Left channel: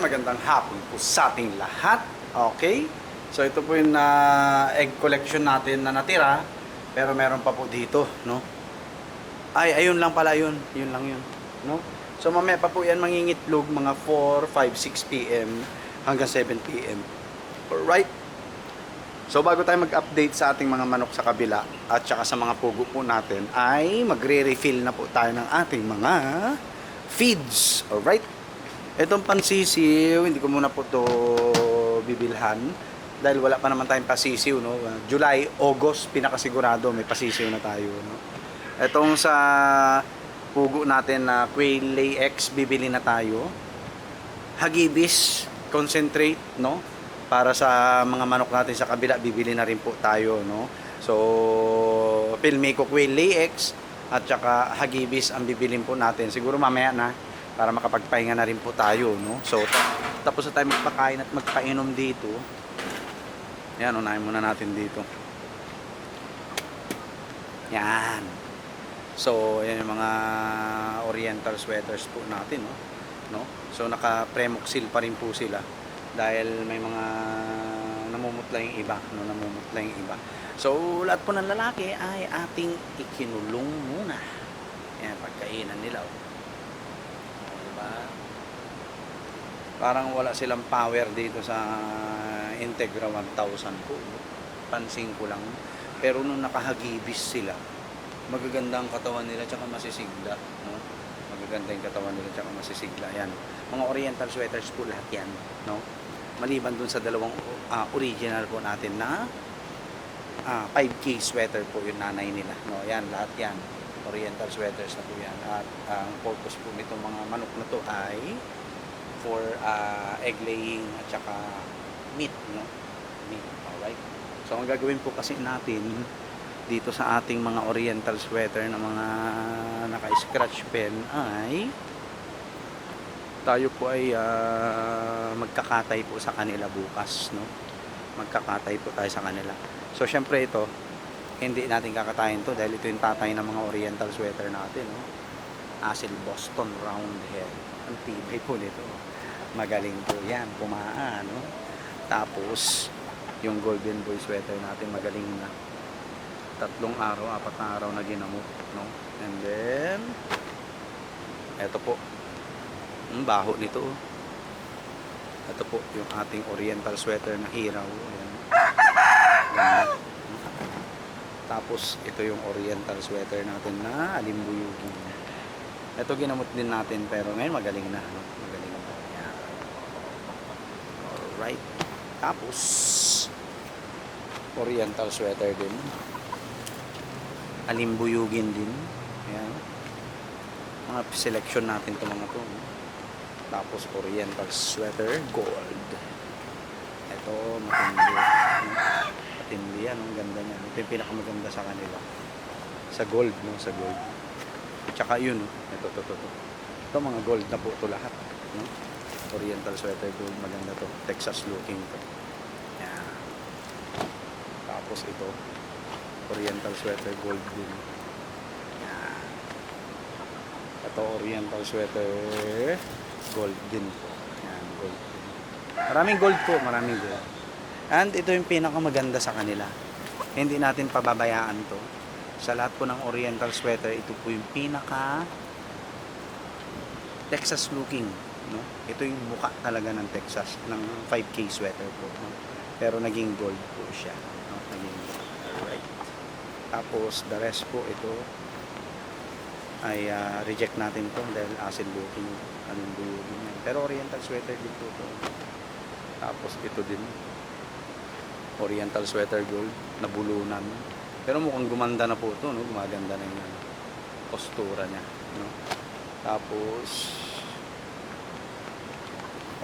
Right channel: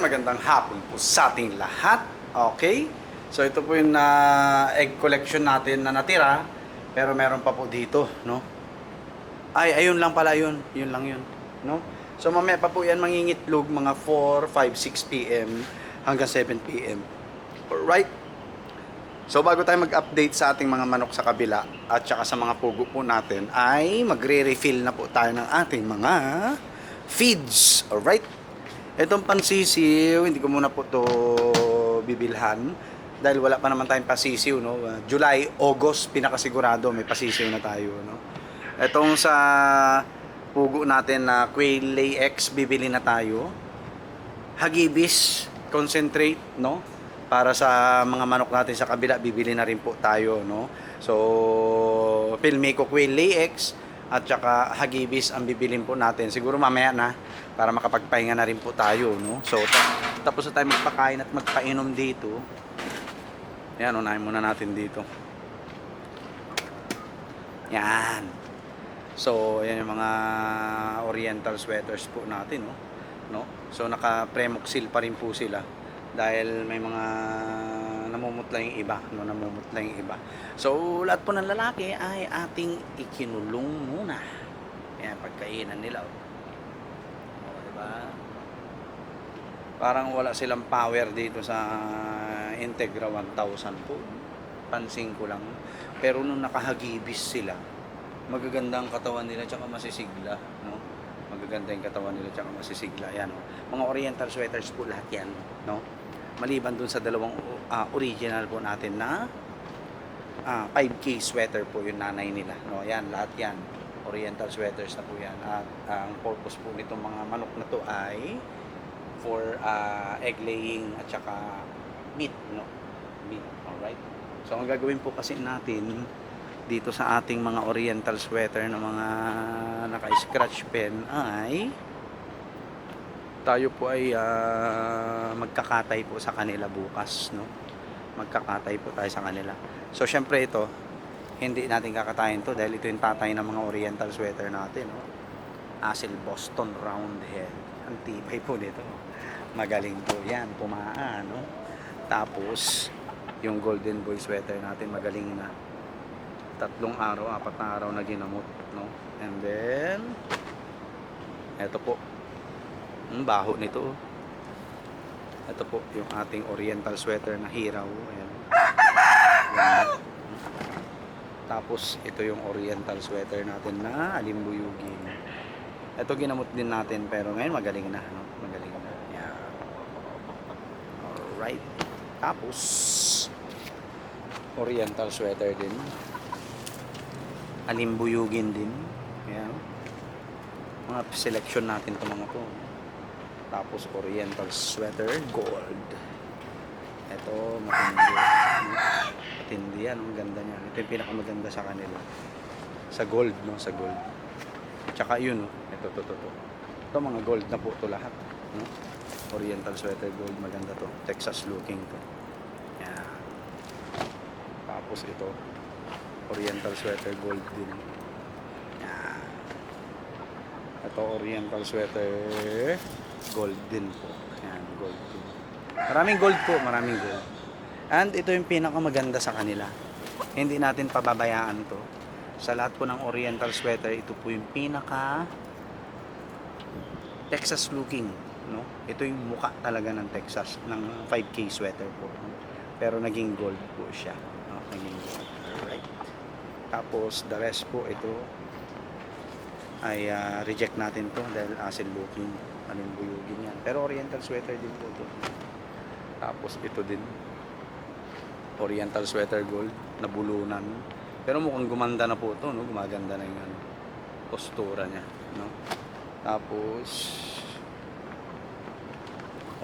Ayan, magandang hapon po sa ating lahat. Okay? So ito po yung egg collection natin na natira. Pero meron pa po dito, no? Ay, ayun lang pala yun. Yun lang yun, no? So mamaya pa po yan mangingitlog mga 4, 5, 6 p.m. hanggang 7 p.m. Alright? So bago tayo mag-update sa ating mga manok sa kabila at saka sa mga pugo po natin, ay magre-refill na po tayo ng ating mga feeds. Alright? Itong pansisiw, hindi ko muna po to bibilhan dahil wala pa naman tayong pasisiw, no? July, August, pinakasigurado may pasisiw na tayo, no? Itong sa pugo natin na quail lay X, bibili na tayo. Hagibis concentrate, no? Para sa mga manok natin sa kabila, bibili na rin po tayo, no? So, Pilmeco quail lay X at saka hagibis ang bibilin po natin. Siguro mamaya na para makapagpahinga na rin po tayo, no? So, tapos na tayo magpakain at magpainom dito. Yan, unahin muna natin dito. Yan. So, yan yung mga oriental sweaters po natin, no? So, naka-premoxil pa rin po sila dahil may mga namumutla yung iba, no? Namumutla yung iba. So, lahat po ng lalaki ay ating ikinulong muna. Yan, pagkainan nila, oh. Parang wala silang power dito sa Integra 1000 po, no? Pansin ko lang. Pero nung nakahagibis sila, magaganda ang katawan nila tsaka masisigla, no? Magaganda yung katawan nila tsaka masisigla. Yan, mga oriental sweaters po lahat yan, no? Maliban dun sa dalawang original po natin na 5K sweater po yung nanay nila, no? Yan, lahat yan oriental sweaters na po yan. At ang purpose po nitong mga manok na to ay for egg laying at saka meat, no? Meat, alright? So ang gagawin po kasi natin dito sa ating mga oriental sweater na mga naka-scratch pen ay tayo po ay magkakatay po sa kanila bukas, no? Magkakatay po tayo sa kanila. So syempre ito, hindi natin kakatayin to dahil ito yung tatay ng mga oriental sweater natin, no? Asil Boston Roundhead. Ang tibay po nito. Magaling po yan, pumaan, no? Tapos yung golden boy sweater natin magaling na. 3 araw, 4 na araw na ginamot, no? And then eto po, ang baho nito. Ito po yung ating oriental sweater na hiraw. Ayan. Ayan. Tapos ito yung oriental sweater natin na alimbuyugin. Ito ginamot din natin pero ngayon magaling na, no? Magaling na. Ayan. Alright. Tapos oriental sweater din. Alimbuyugin din. Ayan. Mga selection natin itong mga to. Tapos oriental sweater gold. Ito matindi. Matindi yan, ang ganda niya. Ito yung pinakamaganda sa kanila. Sa gold, no? Sa gold. Tsaka yun, no? Ito. Ito mga gold na po ito lahat, no? Oriental sweater gold, maganda to. Texas looking to. Yan. Tapos ito, oriental sweater gold din. Yan. Ito oriental sweater gold din po. Yan, gold din. Maraming gold po, maraming gold. And ito yung pinakamaganda sa kanila. Hindi natin pababayaan to. Sa lahat po ng oriental sweater, ito po yung pinaka Texas looking, no? Ito yung mukha talaga ng Texas, ng 5K sweater po, no? Pero naging gold po siya, no? Naging gold. Alright. Tapos the rest po ito ay reject natin to dahil acid looking, alimbuyugin yan. Pero oriental sweater din po to. Tapos ito din oriental sweater gold na bulunan. Pero mukhang gumanda na po ito, no? Gumaganda na yung postura niya, no? Tapos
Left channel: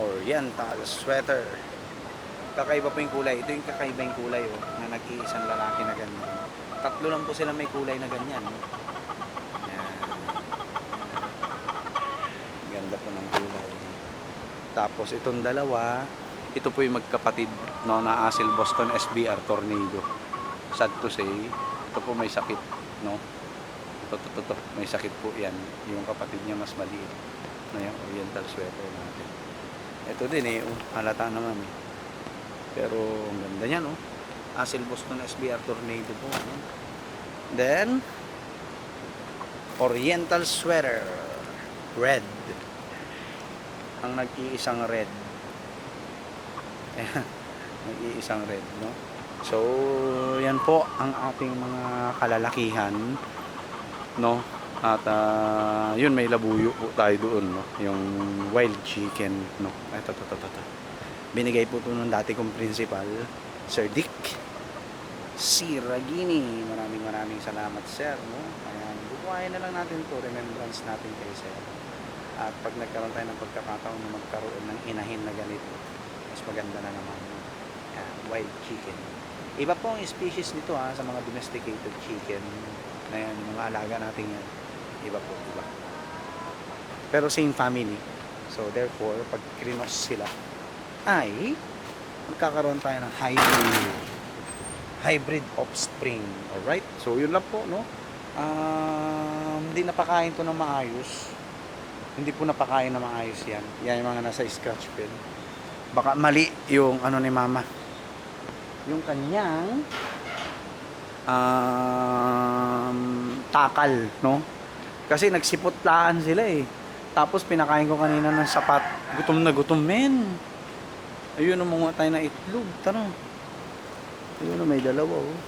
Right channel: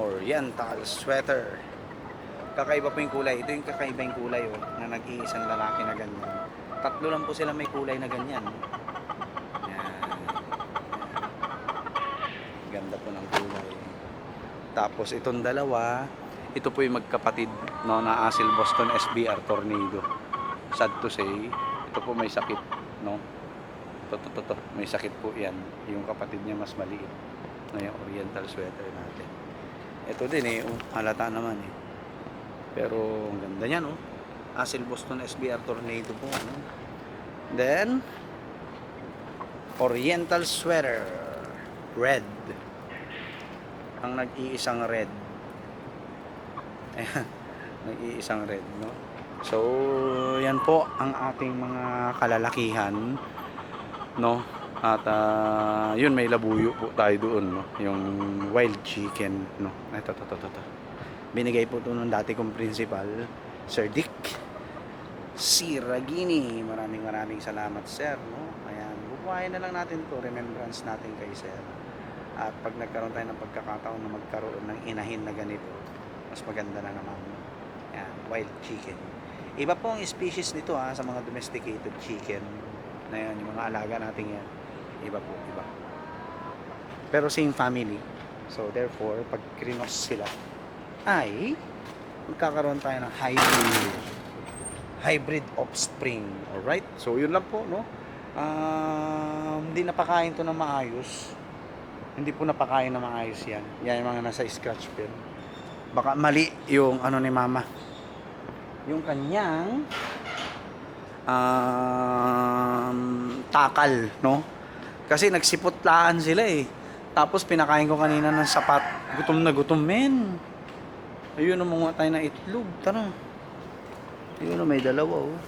oriental sweater. Kakaiba po yung kulay. Ito yung kakaiba yung kulay, oh, na nag-iisang lalaki na ganyan. 3 lang po sila may kulay na ganyan, no? Yan. Ganda po ng kulay. Tapos itong dalawa, ito po yung magkapatid, no, na Asil Boston SBR Tornado. Sad to say, ito po may sakit, no? Ito, may sakit po yan. Yung kapatid niya mas maliit na yung oriental sweater natin. Ito din eh, halata naman eh. Pero ang ganda niyan, oh. Hassel Boston SBR Tornado po, no? Then Oriental sweater, red. Ang nag-iisang red. Ayan, nag-iisang red, no? So, yan po ang ating mga kalalakihan, no? At yun, may labuyo po tayo doon, no? Yung wild chicken, no? Ito. Binigay po ito nung dati kong principal, Sir Dick Siragini. Maraming salamat, sir, no? Ayan, bubuhayin na lang natin to, remembrance natin kay sir. At pag nagkaroon tayo ng pagkakataon na magkaroon ng inahin na ganito, mas maganda na naman, no? Ayan, wild chicken. Iba po ang species nito sa mga domesticated chicken na yan, yung mga alaga natin yan. Iba po, iba. Pero same family. So therefore, pag krinos sila, ay magkakaroon tayo ng hybrid offspring. Alright? So yun lang po, no? Hindi napakain to ng maayos. Hindi po napakain ng maayos yan. Yan yung mga nasa scratch pen. Baka mali yung ano ni mama. Yung kanyang takal, no? Kasi nagsipotlaan sila eh. Tapos pinakain ko kanina ng sapat. Gutom na gutom, men. Ayun, umunga tayo ng itlog. Tara. Ayun, may dalawa, oh.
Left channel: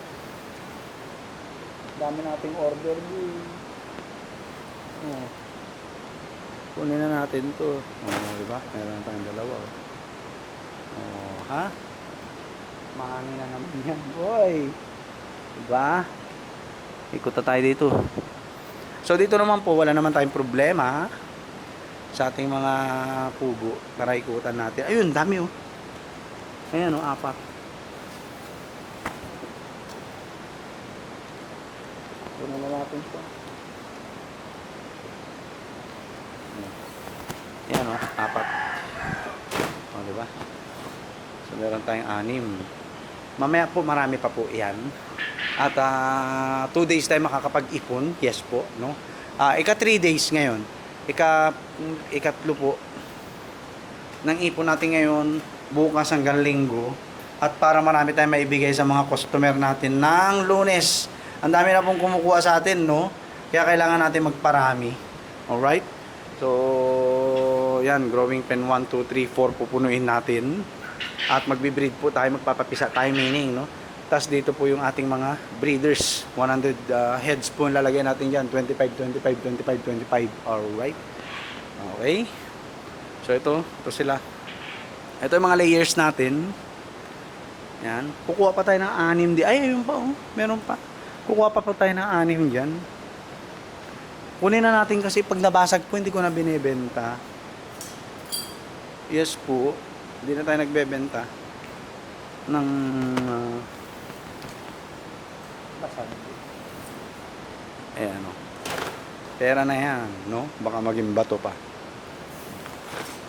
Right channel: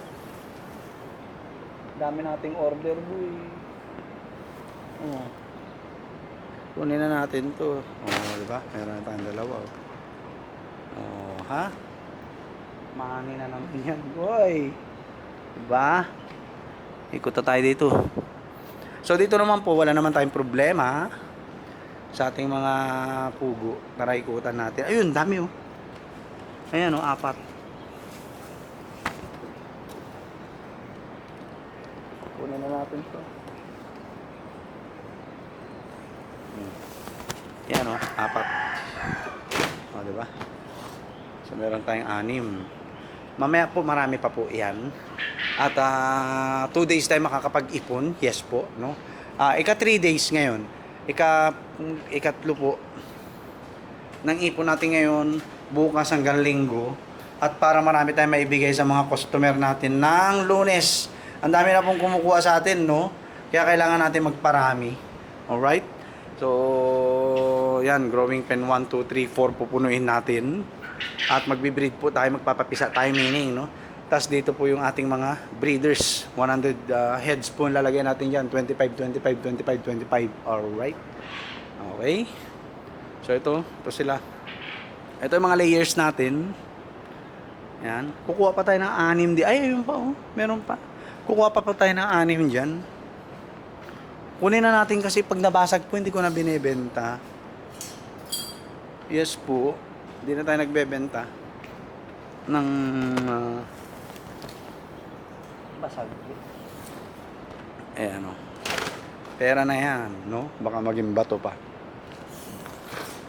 Dami nating order, boy. Oh. Kunin na natin to. Oh, diba? Meron na tayong dalawa, oh. Oh, ha? Mami na naman yan, boy. Diba? Ikot na tayo dito. So dito naman po, wala naman tayong problema sa ating mga pugo. Tara, ikutan natin. Ayun, dami, oh. Ayan, oh, 4. Kunin na natin to. Ayan, oh, 4. O, diba? So meron tayong 6. Mamaya po, marami pa po yan. At 2 days tayo makakapag-ipon. Yes po, no? Ika 3 days ngayon. Ikatlo po ng ipon natin ngayon, bukas hanggang linggo. At para marami tayong maibigay sa mga customer natin ng Lunes. Ang dami na pong kumukuha sa atin, no? Kaya kailangan natin magparami. Alright? So, yan, growing pen 1, 2, 3, 4 pupunuin natin. At magbe-breed po tayo, magpapapisa tayo, meaning, no? Tapos dito po yung ating mga breeders. 100 heads po lalagay natin dyan. 25, 25, 25, 25. Alright? Okay? So ito sila. Ito yung mga layers natin. Yan. Kukuha pa tayo ng 6 di. Ay, ayun pa, oh. Meron pa. Kukuha pa tayo ng 6 dyan. Kunin na natin kasi pag nabasag po, hindi ko na binibenta. Yes po. Hindi na tayo nagbebenta ng basag. Ayan, oh. Pera na yan, no? Baka maging bato pa.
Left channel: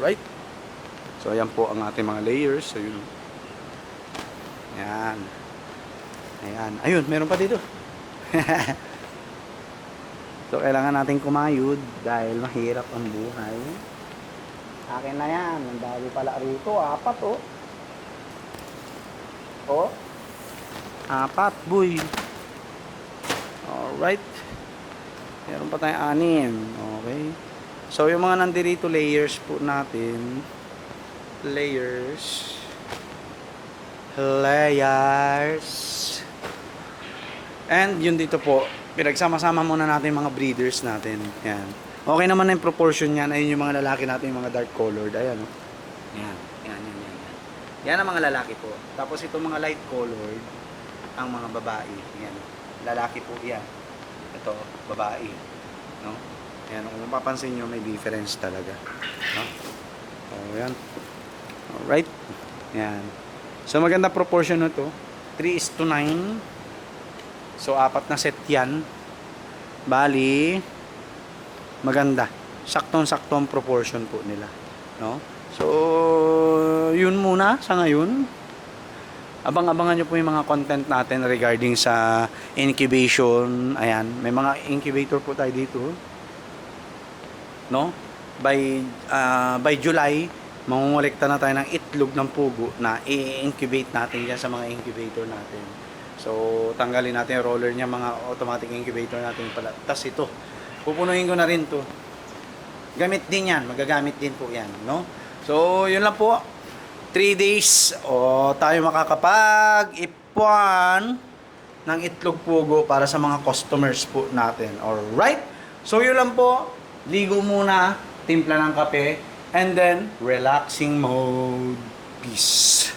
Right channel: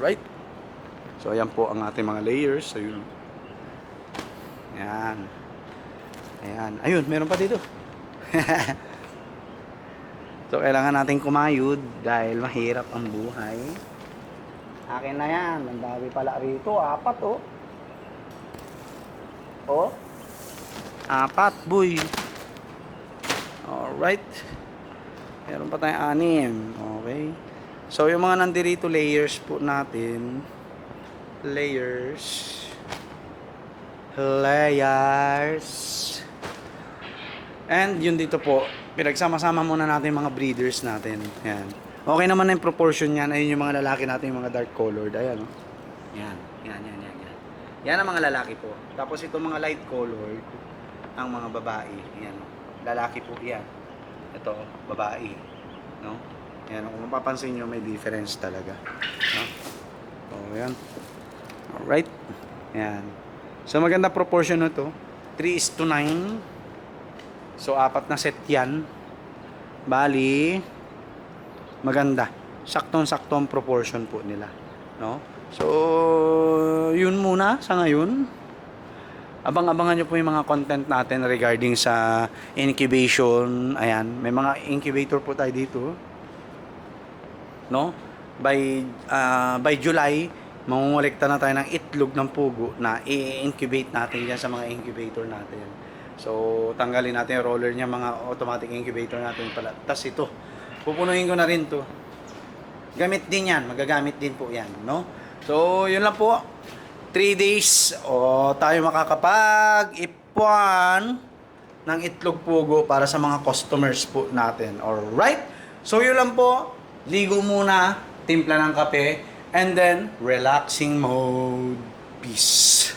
Right? So, ayan po ang ating mga layers. So, yun. Ayan. Ayan. Ayun, meron pa dito. So, kailangan natin kumayod dahil mahirap ang buhay. Akin na yan. Ang dami pala rito. 4, oh. Oh. 4, boy. Alright. Meron pa tayong 6. Okay. So, yung mga nandirito layers po natin. Layers. And yun dito po, pinagsama-sama muna natin mga breeders natin. Yan. Okay naman na yung proportion yan. Ayun yung mga lalaki natin, yung mga dark colored. Ayan, oh. Yan. Yan ang mga lalaki po. Tapos ito mga light colored, ang mga babae. Yan. Lalaki po yan. Ito, babae. No? Yan. Kung mapapansin nyo, may difference talaga. No? O, yan. Alright. Yan. So, maganda proportion na to. 3:9. So, 4 na set yan. Bali, maganda. Saktong-sakto ang proportion po nila. No? So, yun muna sa ngayon. Abang-abangan nyo po yung mga content natin regarding sa incubation. Ayan, may mga incubator po tayo dito. No? By July, mangungulekta na tayo ng itlog ng pugo na i-incubate natin dyan sa mga incubator natin. So, tanggalin natin yung roller niya, mga automatic incubator natin pala. Tas ito, pupunuin ko na rin to. Gamit din yan, magagamit din po yan, no? So, yun lang po. 3 days, tayo makakapag-ipuan ng itlog pugo para sa mga customers po natin. Alright? So, yun lang po. Ligo muna, timpla ng kape, and then, relaxing mode. Peace.